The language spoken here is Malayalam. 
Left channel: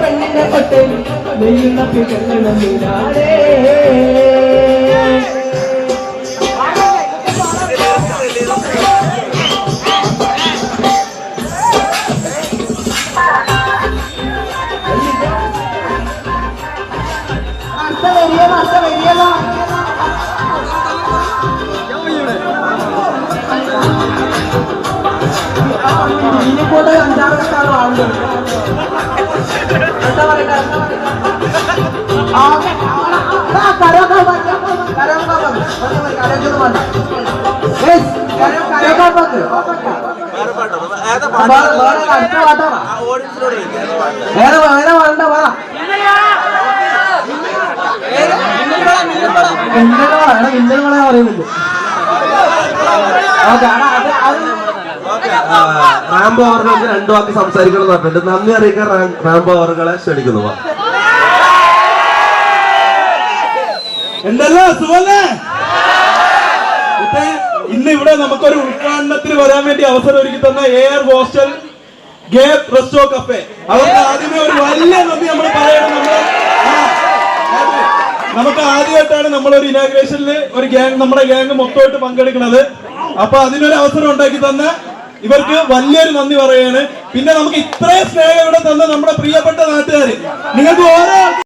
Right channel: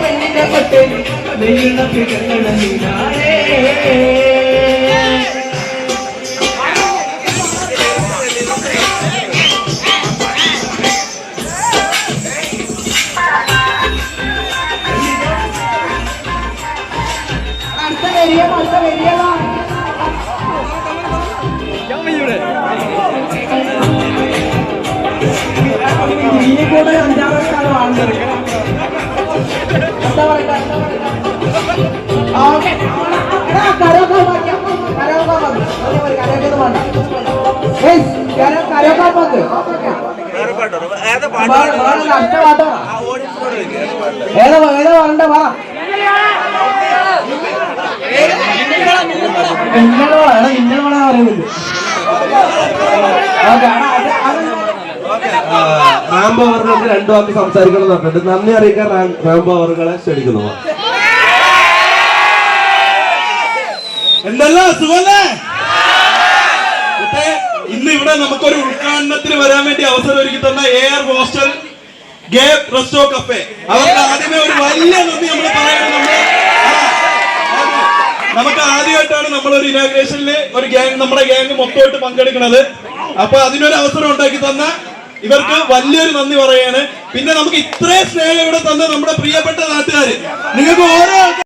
പെണ്ണിനെ കൊട്ട് വെയിലൊക്കെ കണ്ണീരാടേ ഇനിക്കൂടെ 5-6 സ്ഥലം വാങ്ങുന്നത് എന്താ പറയണ്ട ഇന്നലെ മഴ പറയുന്നുണ്ട്. റാംബോ അവർക്ക് 2 വാക്ക് സംസാരിക്കണം എന്ന് പറഞ്ഞിട്ടുണ്ട്. നന്ദി അറിയിക്കാൻ റാംബോ അവരെ ക്ഷണിക്കുന്നു. എന്തല്ല സുഖല്ലേ? ഇന്ന് ഇവിടെ നമുക്കൊരു ഉദ്ഘാടനത്തിന് വരാൻ വേണ്ടി അവസരം ഒരുക്കി തന്ന എയർ ഹോസ്റ്റൽ ഗേബ് റെസ്റ്റോ കഫേ അവർക്ക് ആദ്യമേ ഒരു വലിയ നന്ദി നമ്മൾ പറയണം. നമുക്ക് ആദ്യമായിട്ടാണ് നമ്മളൊരു ഇനാഗ്രേഷനിൽ ഒരു ഗ്യാങ് നമ്മുടെ ഗ്യാങ് മൊത്തമായിട്ട് പങ്കെടുക്കുന്നത്. അപ്പൊ അതിനൊരു അവസരം ഉണ്ടാക്കി തന്ന ഇവർക്ക് വലിയൊരു നന്ദി പറയാണ്. പിന്നെ നമുക്ക് ഇത്രയും സ്നേഹം ഇവിടെ തന്ന നമ്മുടെ പ്രിയപ്പെട്ട നാട്ടുകാര്, നിങ്ങൾക്ക് ഓരോ